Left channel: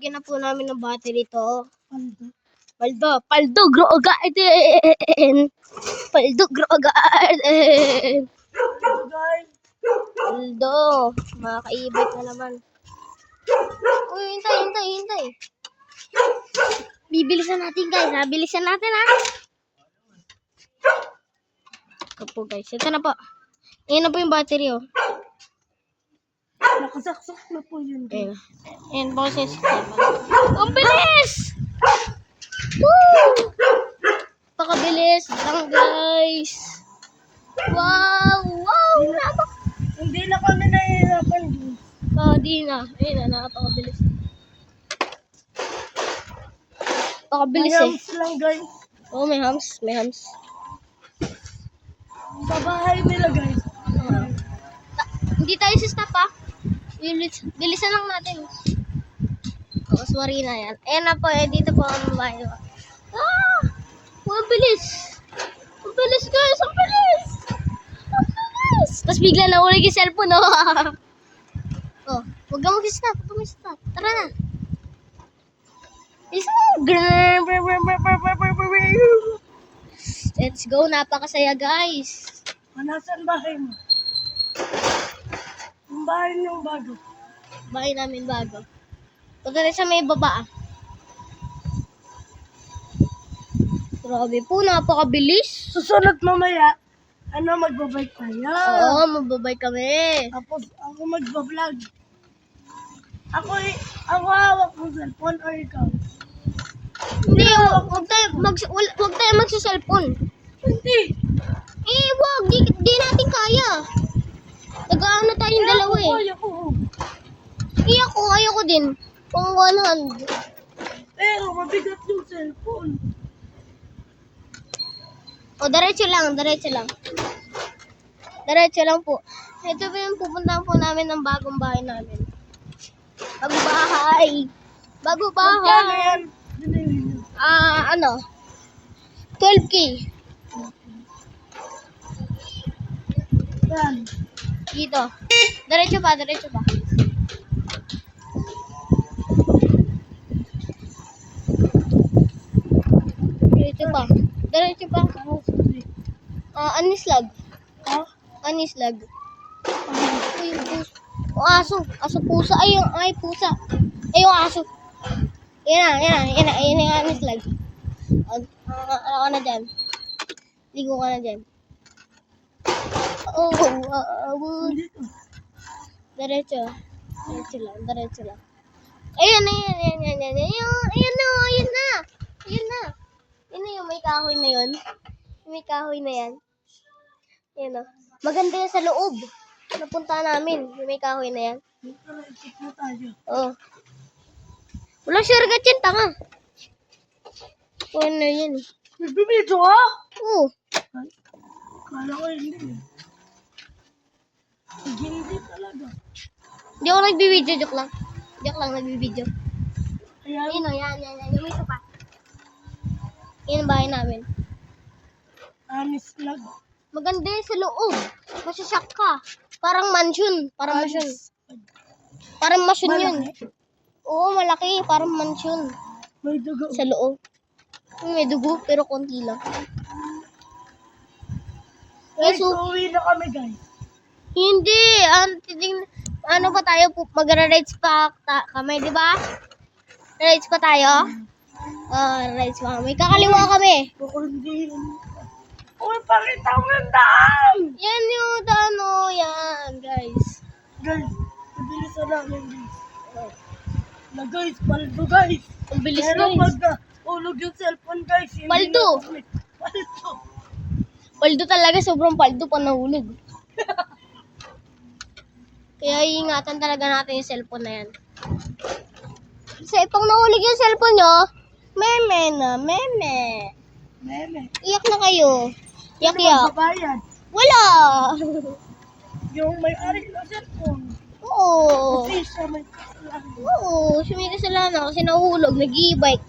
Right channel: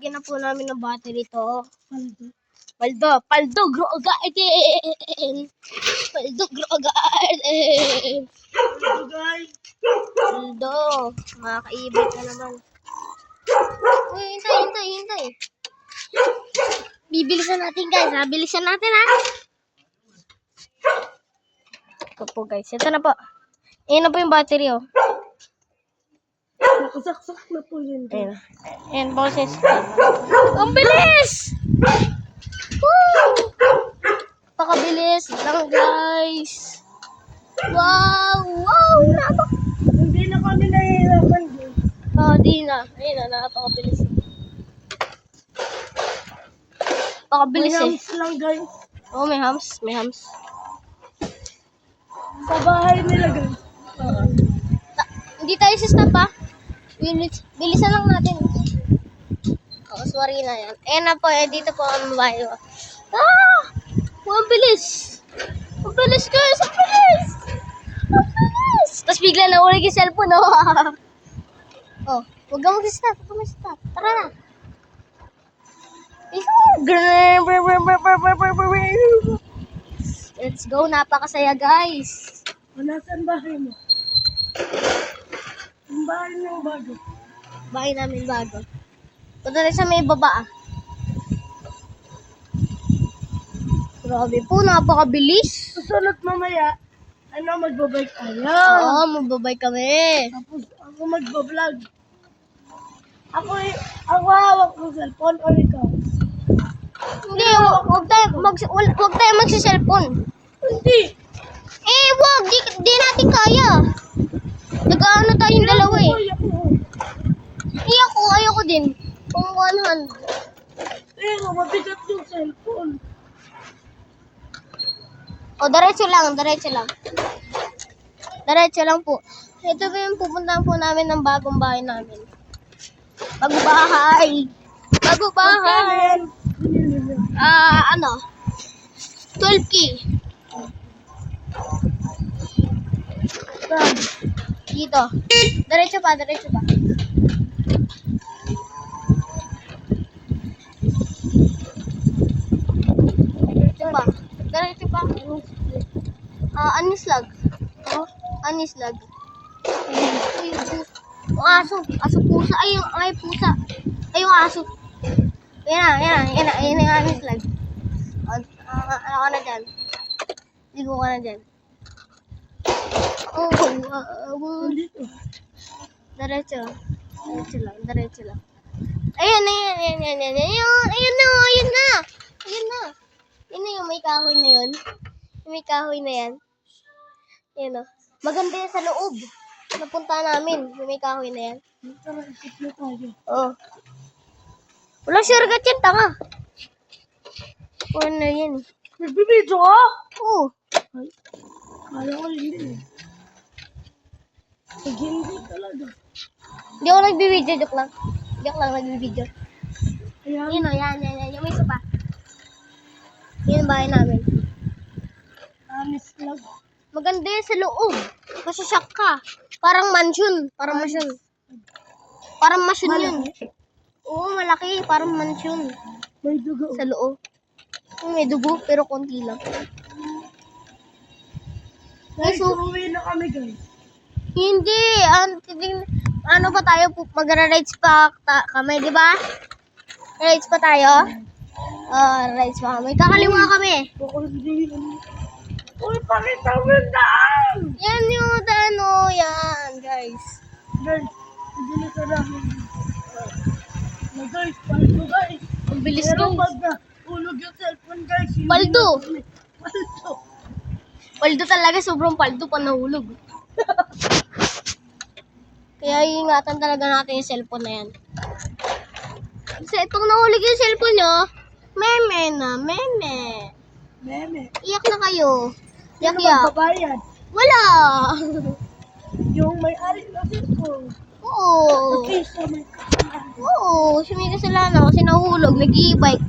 Lagyan na po namin ng battery to. Paldo, grow garden. Paldo, grow garden. Paldo, makakaibig na naman. Uy, hintay. Bibilisan natin guys, ha? Bilisan natin, ha? Ito po guys, ito na po. Ayan na po yung battery, oh. Nakasaksak na po yun. Ayan po siya. Ang bilis! Woo! Pakabilis lang guys. Wow! Hindi na kami nahihirapan dun. Di na. Ayun na, napakabilis. Pakabilis eh. Mayams lang guys. Oh, may hams. Sa bahay nila guys. Hindi tayo sa stop, ha? Bilisan lang natin. Sorry na yan. Ayan na po, dito po ang bahay. Ang bilis! Ang bilis guys! Ang bilis! Tapos bigla naulig yung cellphone, no? Oh, huwag kang mag-stop. Tara na. Let's go. Napakasaya, guys. Nasaan bahay mo? Yung bahay niyong bago. Bahay namin bago. Punta rin sa may baba, ah. Grabe po, napakabilis. Susunod mamaya, magbabike tayo. Oo, magbabay kami. Tapos ako magbablog. Ako hawak ng cellphone o ikaw? Hindi, huwag tayo magsa-cellphone. Hindi. Wag, di natin kaya. Nag-ano tayong dalawa eh. Ayoko din. Pang 100. Pero mabigat yung cellphone. O, diretso lang po. Ito po yung pupuntahan po namin ng bagong bahay namin. Bagong bahay. Binili niyo. 12K. Saan? Dito. Diretso pa. Diretso pa. Anislag. Ha? Anislag. Aso. Pusa. Ay, pusa. Ay, yung aso. Yan na yung anislag. Ano ka na dyan? Ligo ka na dyan. Dito. Diretso lang. Ayun na. Yun na yung may kahoy na yun. May kahoy na yan. Yan o. Maganda yan sa loob. Napunta namin. Yung may kahoy na yan. Tara, ikot mo tayo. Oo. Walang shortcut yan, tanga. Ano yan eh. Nagbibidyo ka? Oo. Kala ko hindi. Hindi talaga. Hindi ako nagbibideo. Joke lang, nagbibideo. Ayan. Yun o, yan. Yung may sopa. Yan ang bahay namin. Anis lang. Maganda yan sa loob. Masasyak ka. Parang mansion. Parang mansion yun. Oo, malaki. Parang mansion. May dugo. Sa loob. May dugo, pero konti lang. Guys, uuwi na kami guys. Hindi. Ano pa tayo? Magra-rides pa kami, di ba? Rides pa tayo? Rides pa kami. Kakaliwa kami. Uy, pakita mo yung daan! Yan yung dano. Yan, guys. Guys, nabilisan namin. Guys, paldo guys. Ang bilis, Pero guys. pag ulog yung cellphone guys. hindi Paldo. na kami- Paldo. Paldo talaga. Sobrang paldo pa nahulog. Kaya iingatan talaga natin yung cellphone na yan. Kasi pag nahulog yung cellphone nyo, meme. Meme. Iyak na kayo. Yak. Magbabayad. Wala. Yung may-ari ng cellphone. Oo. Kasi siya may kasalanan. Oo. Siya may kasalanan kasi nahulog. Nag-e-bike.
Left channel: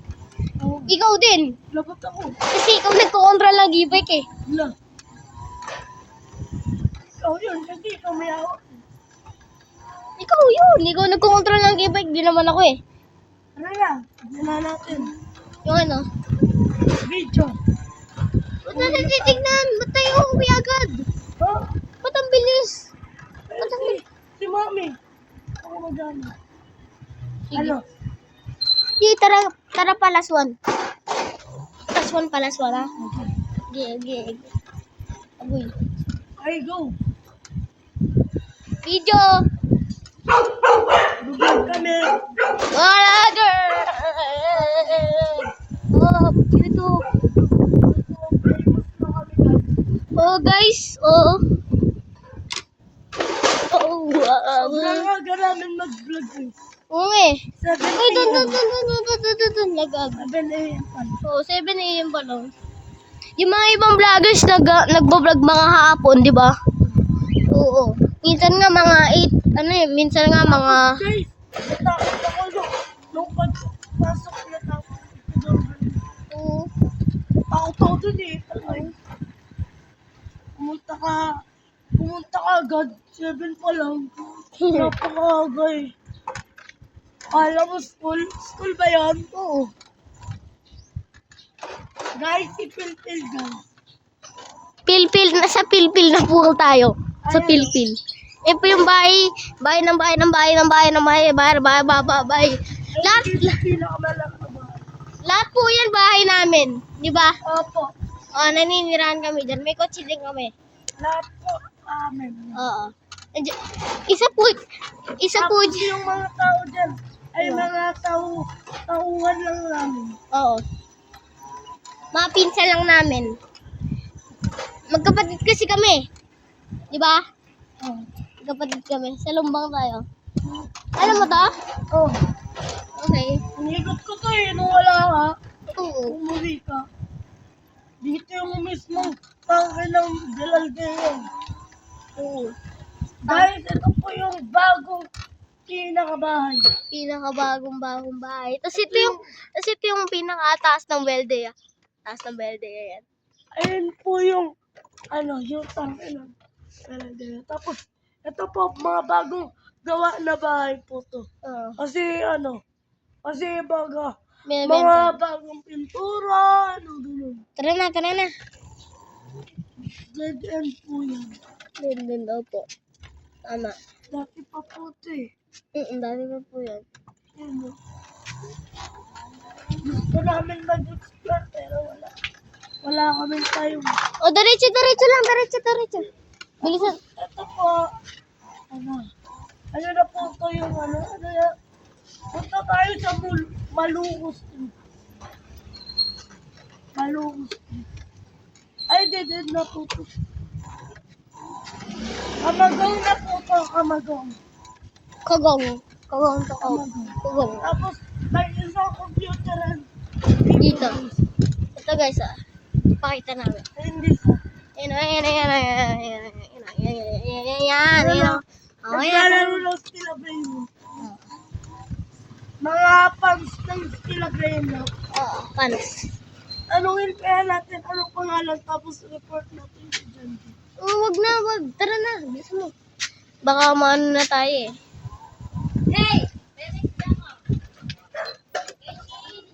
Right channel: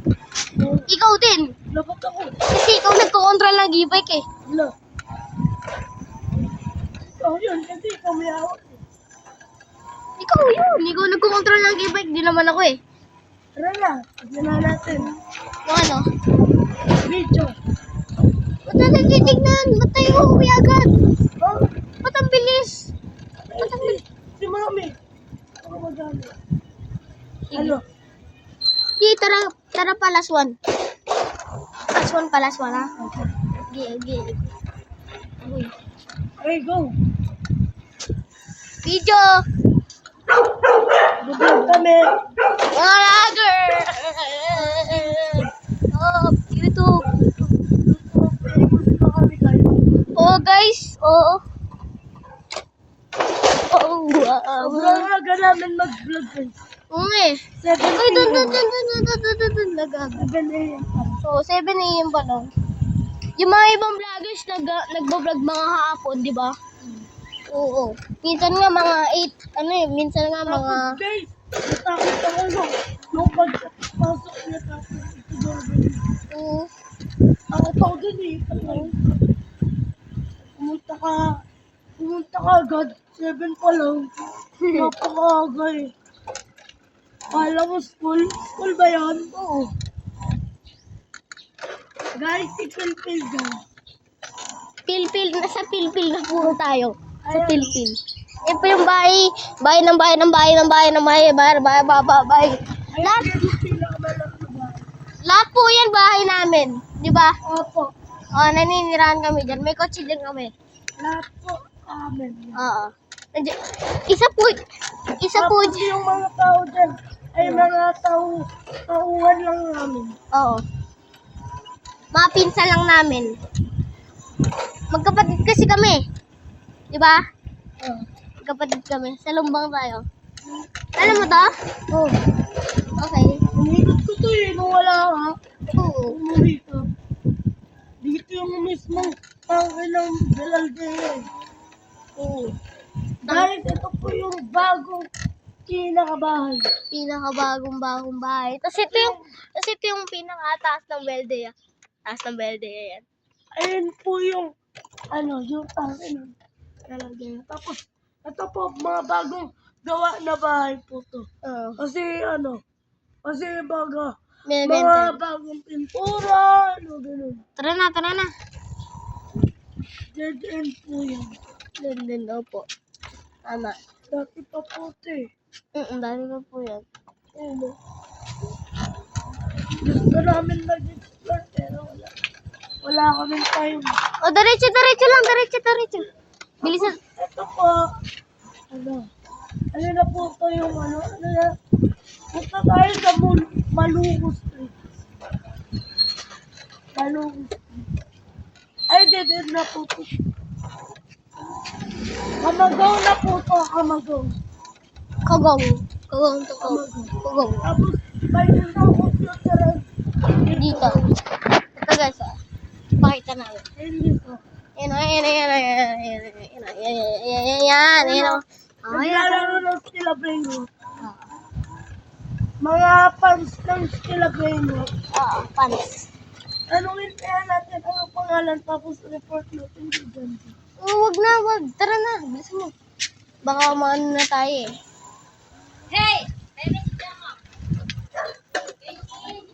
Ikaw din. Labat ako. Kasi ikaw nagko-control ng e-bike eh. Wala. Ikaw yun, hindi ikaw may ako. Ikaw yun. Ikaw nagko-control ng e-bike. Di naman ako eh. Tara na, tignan na natin. Yung ano? Video. Ba't natin titignan? Ba't tayo uuwi agad? Oh, Ba't ang bilis? Ba't ang bilis? si Mami. Ako magano. Sige. Ano? Sige, tara pa, last one. Last one pa, last one, ha? Okay. Agoy. Okay, go. Video! Bubog kami. Wala, girl! Oh, dito. Oh, guys. Oh. Oh, wow. Sobrang aga namin mag-vlog guys. Oo nga eh. 7 Ay, dun. p.m. Nag-ag. 7 a.m. pa. Oo, 7 a.m. pa lang. Yung mga ibang vloggers nagbo-vlog mga hapon, di ba? Oo. Minsan nga mga 8, minsan nga mga... Guys, natakot ako no. Nung pagpasok niya tapos ito doorbell. Oo. Takot ako dun eh. Ay, pumunta ka agad. 7 pa lang. Napakaaga eh. Kala mo school? School ba yan? Oo. Guys, si Pilpil guys. Sa Pilpil na puro tayo. Sa Ayan. Pilpil. Eh po yung bahay. Bahay. Lahat, Pinakamalak na ba? lahat po yan bahay namin. Di ba? Opo. Oh, naninirahan kami dyan. May kotse din kami. Lahat po amin. Oo. Isa po Tapos yung mga tao dyan ay mga tauhan lang namin. Oo. Mga pinsan lang namin. Magkapatid kasi kami. Di ba? Oh. Magkapatid kami. Sa Lumbang tayo. Alam mo to? Oh. Okay. Inikot ko to eh, nung wala ka. Oo. Umuwi ka. Dito yung mismo tangke ng Delaldean. Oo. Guys, ito po yung bagong kinakabahay. Pinakabagong bahay. Tapos ito yung pinakataas ng Welde. Taas ng Welde yan. Ayun po yung, yung tangke ng Delaldean. Tapos, ito po, mga bagong gawa na bahay po to. Oo. Kasi baga, May mga benta. bagong pintura, ganun. Tara na. Dead end po yan. Din daw po. Tama. Dati pa po ito eh. Dami pa po yan. Ayun o. Gusto namin mag-explore pero wala. Wala kami time. O, diretso lang. Diretso. Bilisan. Ito po. Ano na po ito yung punta tayo sa Malugo Street. Malugo Street. Ay, dead na po ito. Kamagaw na po ito, kamagaw. Kogong to Kogong. Tapos, may isang computer Dito. Ito guys, pakita namin. hindi ka. Ayan. Naglalaro ng Stila Brainwood. Mga fans ng Stila Brainwood. Oo, fans. Tanungin kaya natin anong pangalan tapos report natin dyan. Wag na. Tara na, bilisan mo. Baka maano na tayo eh.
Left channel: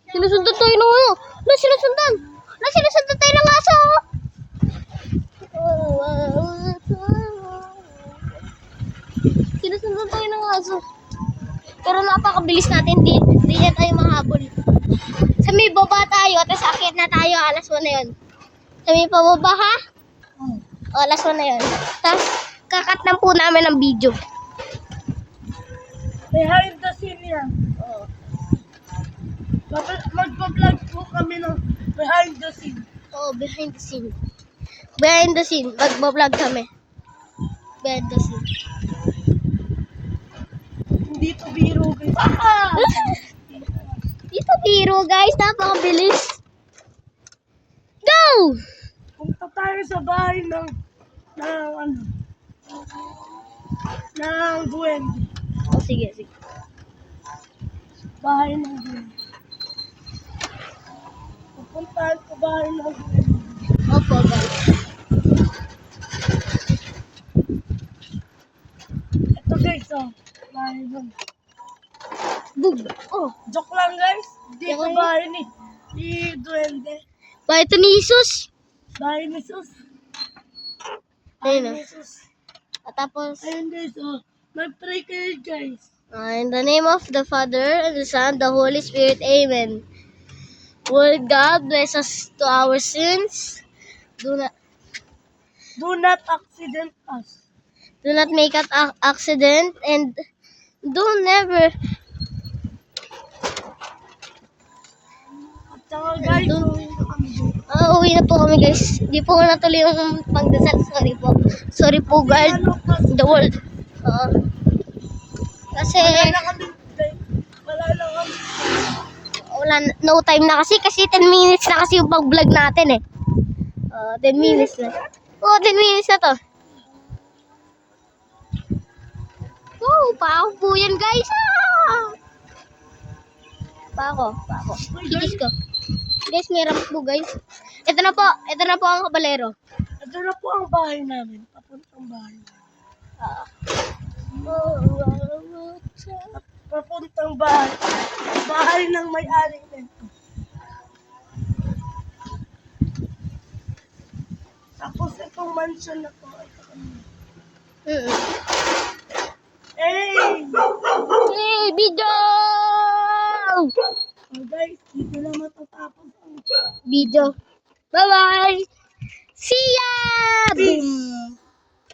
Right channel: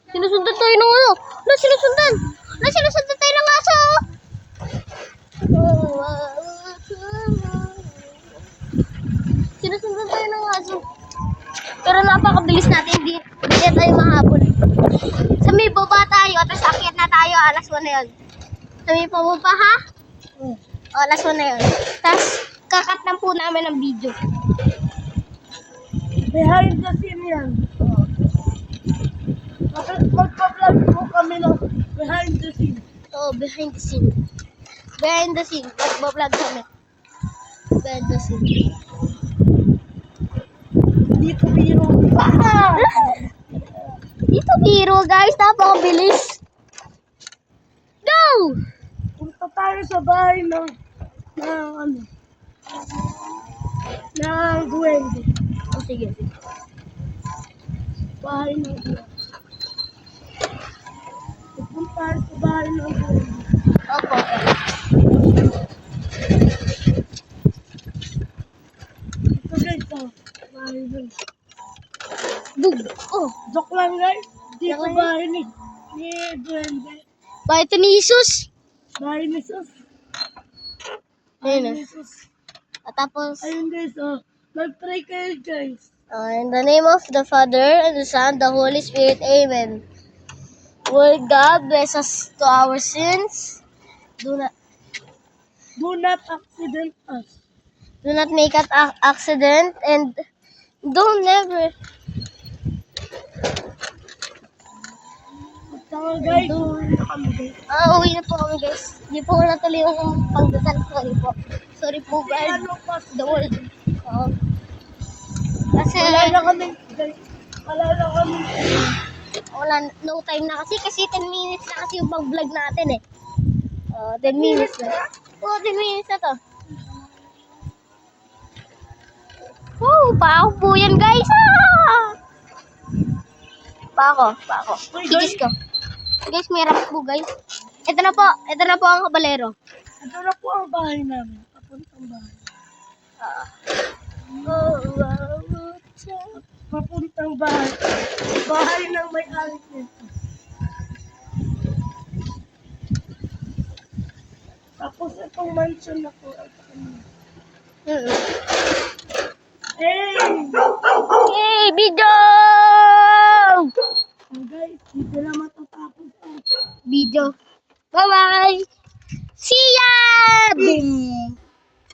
Sinusundan tayo ng ano? Sinusundan tayo ng aso. Sinusundan tayo ng aso. Pero napakabilis natin. Hindi na tayo mahabol. Sa may baba tayo. Tapos akyat na tayo. Alas 1 na yun. Sa may pababa ha? O, alas 1 na yun. Tapos kakat lang po namin ng video. Behind the scene yan. Oo. Tapos magpa-vlog po kami ng behind the scene. Oo, behind the scene. Behind the scene. Nagbablog kami. Behind the scene. Dito biro. Dito biro guys. Napakabilis. Go! Punta tayo sa bahay ng duwende. Oh, sige. Bahay ng duwende. Pupunta tayo sa bahay ng duwende. Opo, guys. Ito guys, bahay ng... Bug. Oh. Joke lang. lang guys. Dito Okay. bahay ni Duende. Ba, ito ni Jesus. Bahay ni Sus. Ayun Bahay na. ni Sus. At tapos, Ayun guys, oh. Mag-pray kayo guys. in the name of the Father, and the Son, the Holy Spirit, Amen. Will God bless us to our sins? Do not Do not accident us. make an accident, and don't never At saka guys, Doon. uwi na kami guys. Uwi na po kami guys. Di po natuloy yung pagdasal. Sorry po. Sorry po Kasi God. ano kasi, The world. Kasi wala na kami guys. Wala na kami. no time na kasi 10 minutes na kasi yung pag-vlog natin eh. 10 minutes na. 10 minutes na to. Pako po yan guys. Pako. Kikis ko. Guys, may ramp po guys. Ito na po ang kabalero. Ito na po ang bahay namin. Papuntang bahay. Papuntang bahay. Bahay ng may-ari nito. Tapos itong mansion na po. Hey! Hey, video! Oh guys, dito na matatapos ang Video. Bye-bye! See ya! Boom!